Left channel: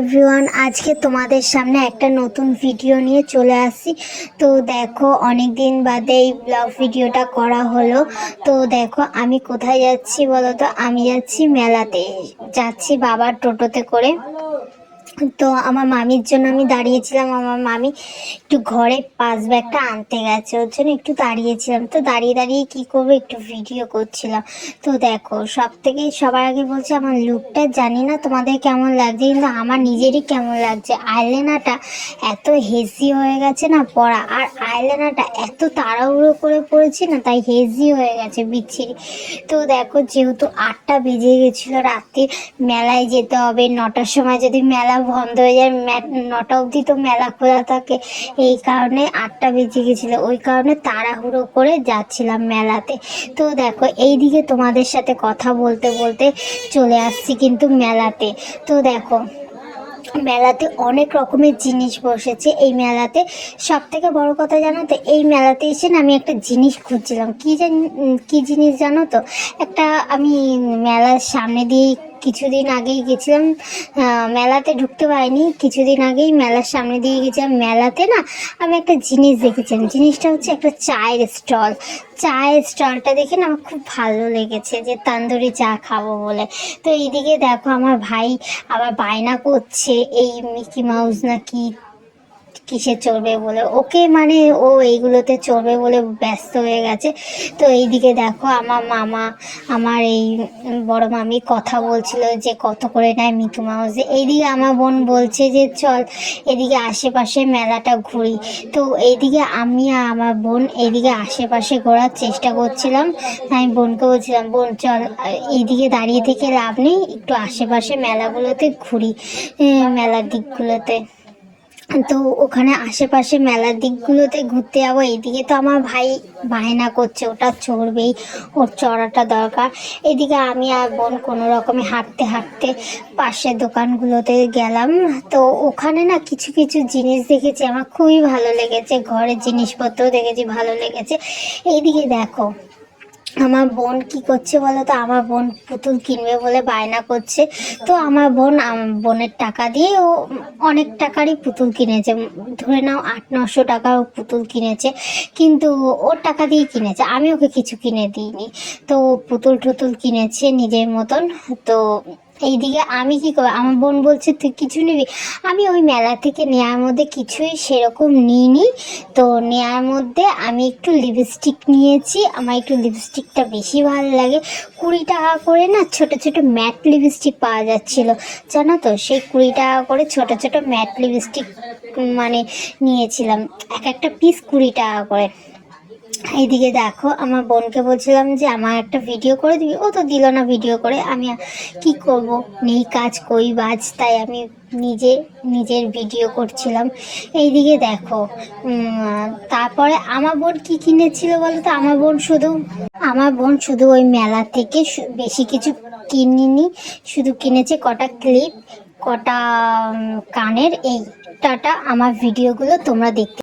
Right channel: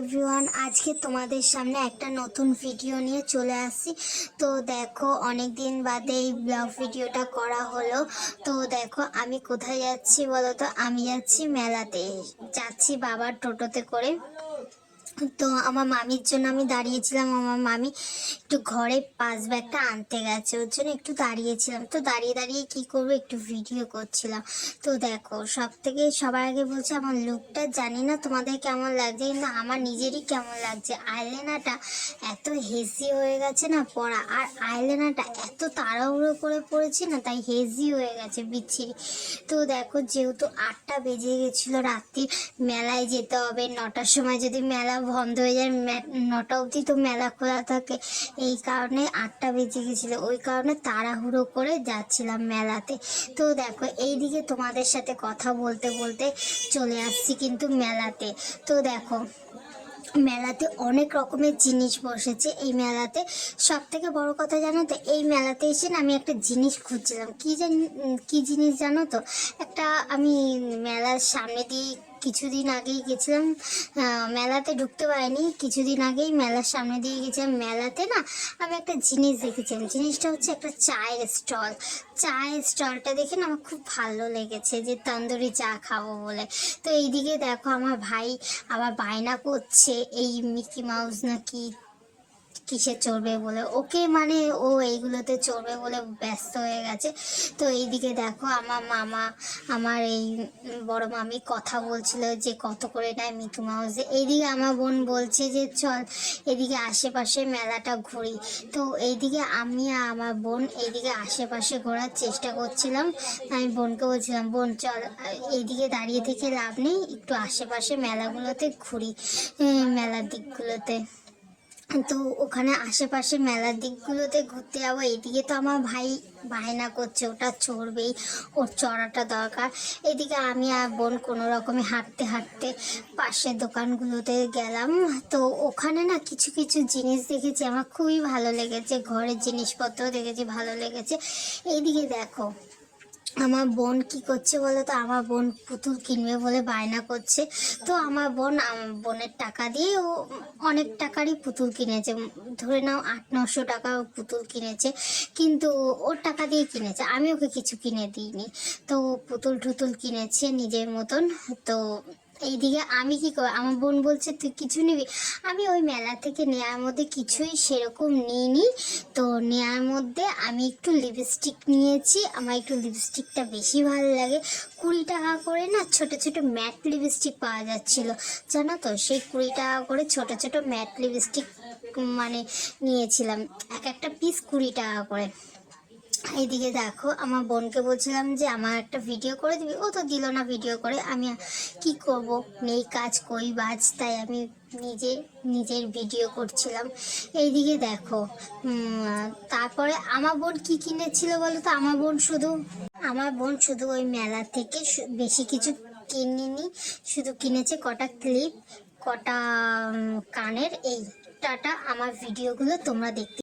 Everyone, আজকে তোমাদের সামনে একটা নতুন ভিডিও নিয়ে চলে আসি। তো দেখো, অনেক দিন বাদে এই ব্লগ ভিডিওটা করা হলো। তো দেখো আমি কোথায় যাচ্ছি বলো তো। আমি যাচ্ছি মেলাতে, যাচ্ছি বাবার টোটোতে করে। তো আমার মামির জন্য আমি দাঁড়িয়েছিলাম। আমার মামি একটু ঘরে পাস ব্যাগটা আনতে গেছে, ওর জন্য একটু দাঁড়িয়েছিলাম। তো দাঁড়িয়ে দাঁড়িয়ে কি করবো, একটু ভিডিও করছিলাম। তো দেখো, সবার আগে বলছে আমার লুকটা জানি না তোমাদের কেমন লাগছে, কিন্তু আমার নিজেরই কেমন লাগছে। আইলাইনারটা এত হেজি হয়ে গেছে না পরা, আর আইলাইনারটা এত তাড়াহুড়ো করে পড়েছি না, তাই হেজি হয়ে গেছে, বিচ্ছিরি। তো দেখো, যেহেতু 8টা বেজে গেছিলো রাত্রে, মেলায় যেতে হবে 9টার সময়, যদি মেলা বন্ধ হয়ে যায়, 9টা অবধি তো মেলা খোলা থাকে। এই কারণে 8টা বেজে গেছিলো, ওই কারণে তাড়াহুড়ো করে যাচ্ছিলাম মেলাতে। তো দেখো, এইদিকে তোমাদের সাথে কথা বলতে বলতে চলে আসছি কিন্তু মেলাতে। তো দেখো, মেলাতে অনেক রকমের জিনিস বসেছে। এই মেলাতে সব থেকে বড় কথা জানো তো, এই মেলাতে এসে না আমি একটা জিনিস খুঁজছিলাম। কি জিনিস জানো তো, একটা আমি মেলার সামনে দিয়ে কিছুদিন আগেই গেছিলাম। মেলাতে ঢুকতে পারিনি, কিছুদিন আগেই মেলার সামনে দিয়ে গেছিলাম। মেলাতে না আমি একটা জিনিস দেখেছিলাম। জিনিসটা হচ্ছে একটা চায়ের স্টলটা দেখে না আমার খুব ভালো লেগেছে, যে তান্দুরি চা খাবো বলে। তো এইদিকে দেখো, আমার ভাই আবার বায়না করছে এই মিকি মাউস না কি কিসে চড়বে বলে, ওকে মানে ও এইগুলোতে চড়বে বলে ব্যস্ত হয়ে গেছে। তো এইদিকে দেখো, আমার মামা, আমার এই বড় মামি কথা বলছিল যে কত করে নেয় মিকি মাউসে। এইদিকে আমার বোন বলছে যে চল এদিকে আশেপাশে মেলাটা ঘুরি। তো এইদিকে আমি আর আমার বোন এইদিকে আশেপাশে ঘোরার চেষ্টা করছিলাম। আমি বোনকে বলছিলাম, বোন চল, এইদিকে দাঁড়িয়ে থেকে লাভ নেই, একটু আশেপাশে মেলাগুলোতে ঘুরি, মেলার দিকগুলোতে। তো ওখানে আশেপাশে মেলার দিকগুলোতে ঘুরতে যাবো। এইদিকে তো আমার ভাই বায়না করছে ওটা চড়বেই, ওর চড়াটা দরকার। এদিকে আমি আর বোন কোনো রকমে হাঁটতে হাঁটতে পাশের দোকানগুলোতে গেলাম। তো ওখানে না কিছু কিছু জিনিস দেখেছি, আমার খুবই ভালো লেগেছে। ঘরের জিনিসপত্র দেখেছি, ভালো লেগেছে। এইদিকে দেখো, আমার বোন কি করছে বলো তো, আমার বোন পুতুল কিনবে বলে বায়না করছে। তো আমার বোনের টাকা দিয়ে ও অনেক টাকারই পুতুল কিনেছে, ধরে নাও 800-900 টাকার ও পুতুল কিনেছে। কিন্তু ওর টাকা দিয়ে কিনেছে, আমি ওকে কিছু কিনে দিইনি। তো পুতুল টুতুল কিনেছে নিজের মতন। তো এইদিকে আমি কি করবো, আমার বোন বলছে তুই কিছু নিবি। আমি ওই মেলা থেকে নেওয়ার মধ্যে কিছুই সেরকম নিইনি। তো নেওয়ার মধ্যে আমি একটু লিপস্টিক নিয়েছি, আমার একটু লিপস্টিকটা বেশি ভালো লাগে। 20 টাকা করে না ছোট ছোট ম্যাট লিপস্টিক পাওয়া যাচ্ছিল, জানো তো। সেই 20 টাকা করে ছোট ছোট ম্যাট লিপস্টিক মানে নিয়েছিলাম, এক একটা পিস 20 টাকা করে। এইদিকে দেখো, আমার বোনকে বলছিলাম যে আমার একটা ভিডিও করে দিবি, ও তো দিল না ভিডিও করে। আমি কি করব, নেই কাজ কই বাজ, তাই আমি নিজের ভিডিও করছিলাম। এইদিকে দেখো, তারপরে আমার বোন কি কিনেছিল বলো তো। আমার বোন শুধু ওই মেলা থেকে বেশি কিছু কিনিনি, শুধু কিনেছে কটা ক্লিপ, কটা কানের। এই টাটা, আমার ভিডিওগুলো তোমরা দেখতে